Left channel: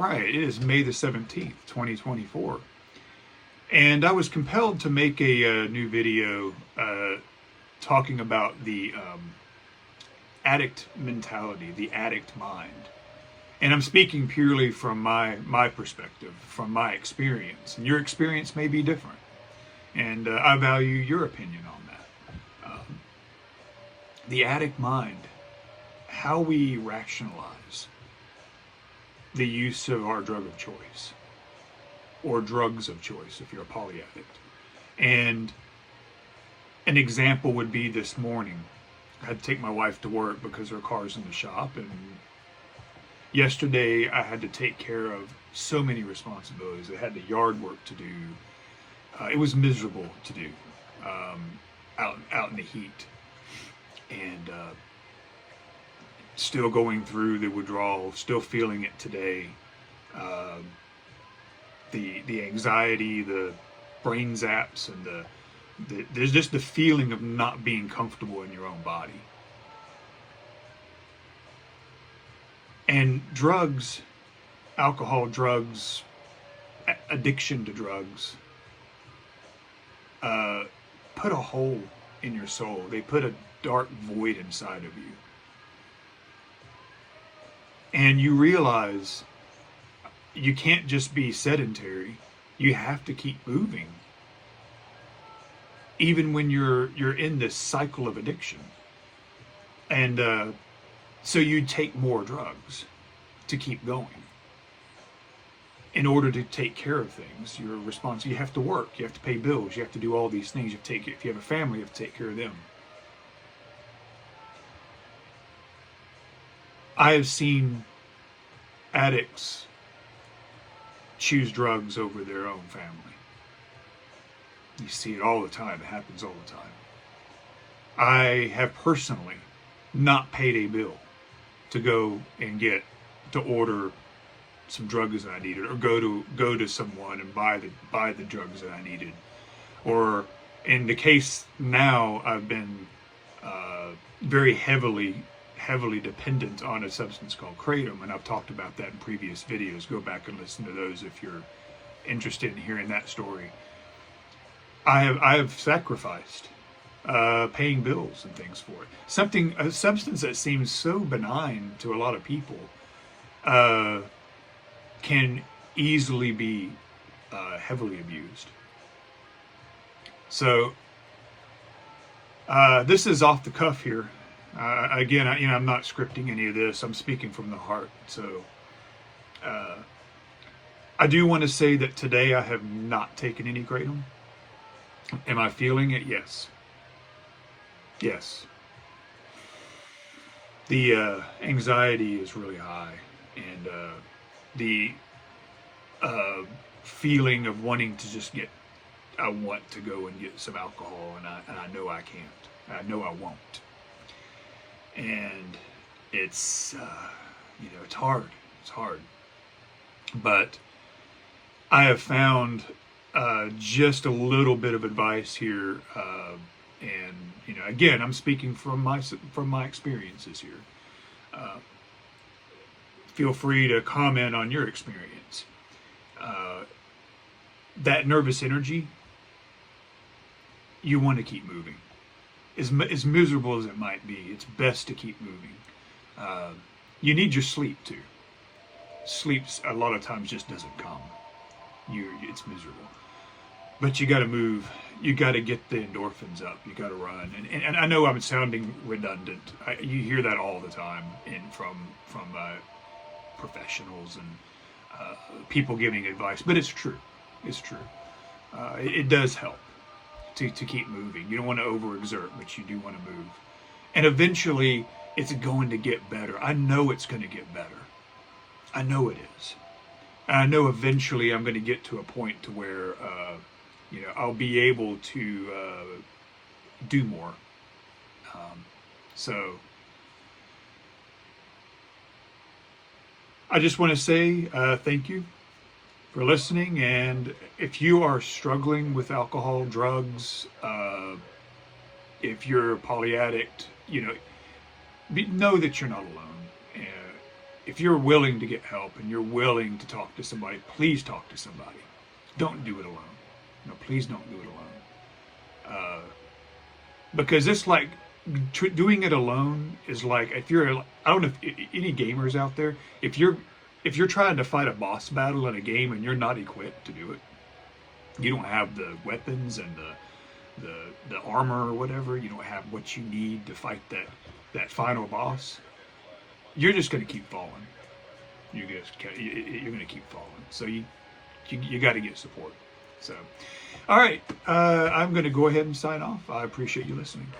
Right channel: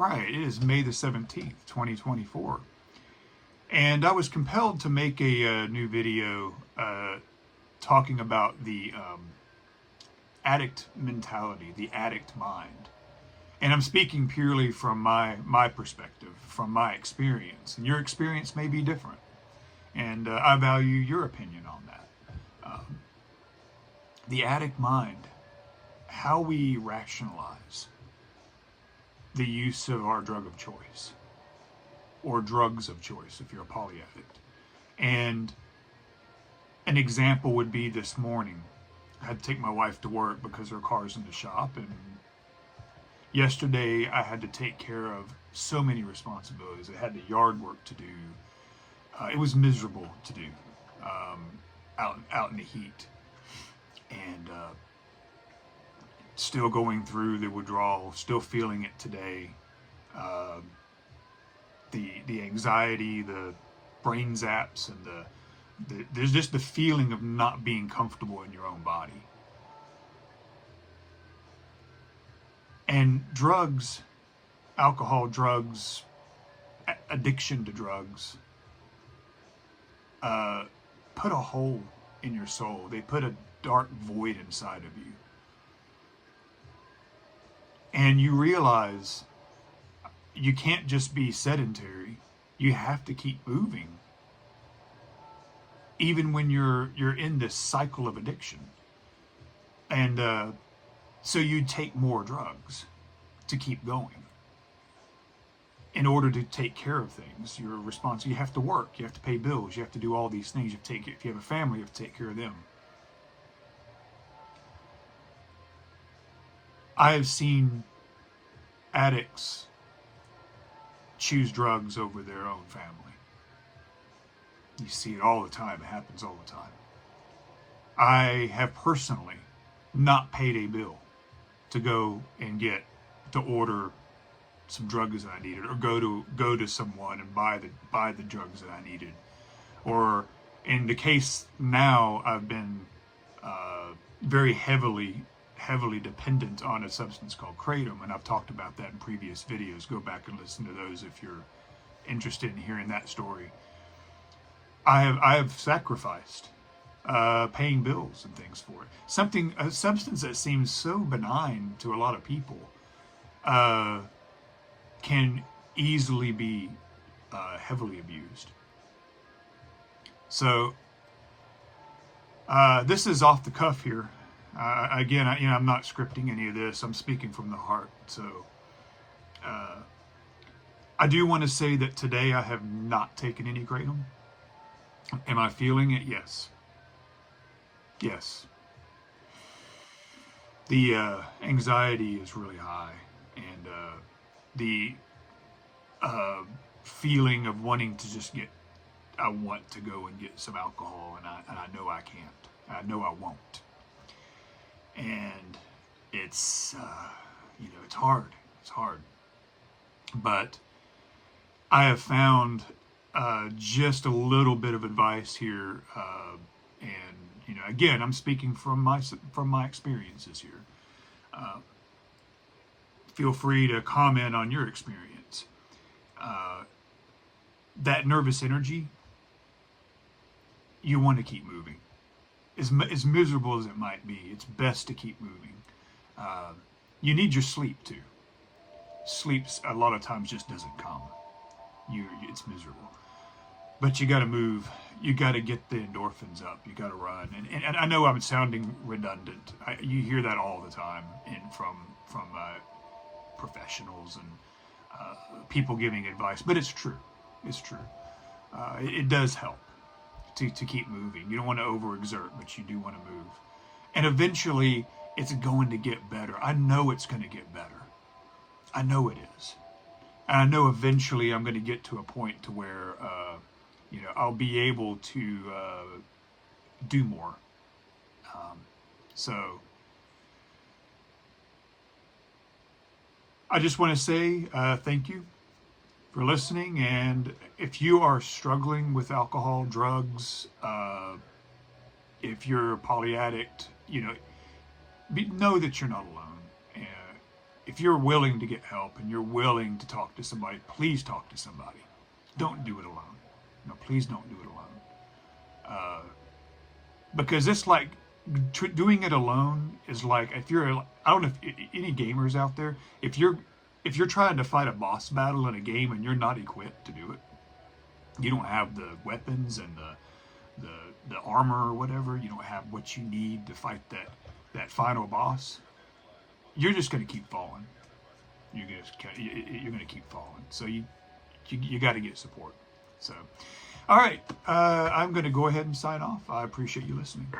Right, it is May the 17th, 2024. And I was compelled to make a new video talking about the addict mentality, the addict mind. And I'm speaking purely from my perspective, from my experience. And your experience may be different. And I value your opinion on that. The addict mind, how we rationalize the use of our drug of choice, or drugs of choice if you're a polyaddict. And an example would be this morning. I had to take my wife to work because her car's in the shop, and yesterday I had to take care of so many responsibilities. I had the yard work to do. It was miserable to do out in the heat, and still going through the withdrawal, still feeling it today. The anxiety, the brain zaps, and there's just the feeling of not being comfortable in your own body. And drugs, alcohol, drugs, addiction to drugs, put a hole in your soul. They put a dark void inside of you. And you realize you can't just be sedentary. You have to keep moving, even when you're in this cycle of addiction. And so you take more drugs to keep going in order to take care of things. You're responsible. You have to work. You have to pay bills. You have to do all these things. If you have a family, you have to take care of them. I have seen addicts choose drugs over their own family. You see it all the time. It happens all the time. I have personally not paid a bill to go and to order some drugs that I needed, or go to someone and buy the drugs that I needed. Or in the case now, I've been very heavily dependent on a substance called Kratom, and I've talked about that in previous videos. Go back and listen to those if you're interested in hearing that story. I have sacrificed paying bills and things for it. A substance that seems so benign to a lot of people can easily be heavily abused. So this is off the cuff here. Again, I'm not scripting any of this. I'm speaking from the heart. So I do want to say that today I have not taken any Kratom. Am I feeling it? Yes. Yes. The anxiety is really high, and the feeling of wanting to just I want to go and get some alcohol, and I know I can't. I know I won't. And it's it's hard. It's hard. But I have found just a little bit of advice here, and again, I'm speaking from my experiences here. Feel free to comment on your experience. That nervous energy, you want to keep moving. As miserable as it might be, it's best to keep moving. You need your sleep too. Sleep a lot of times just doesn't come. It's miserable. But you got to move. You got to get the endorphins up. You got to run. And I know I'm sounding redundant. You hear that all the time from professionals and people giving advice. But it's true. It's true. It does help to keep moving. You don't want to overexert, but you do want to move. And eventually, it's going to get better. I know it's going to get better. I know it is. And I know eventually I'm going to get to a point to where I'll be able to do more. So I just want to say thank you for listening. And if you are struggling with alcohol, drugs, if you're a polyaddict, know that you're not alone. if you're willing to get help and you're willing to talk to somebody, please talk to somebody. Don't do it alone. No, please don't do it alone. Because it's like doing it alone is like, if you're, I don't know if any gamers out there, if you're trying to fight a boss battle in a game and you're not equipped to do it, you don't have the weapons and the armor or whatever, you don't have what you need to fight that final boss, you're just going to keep falling. You're going to keep falling. So you got to get support. So, all right, I'm going to go ahead and sign off. I appreciate you listening.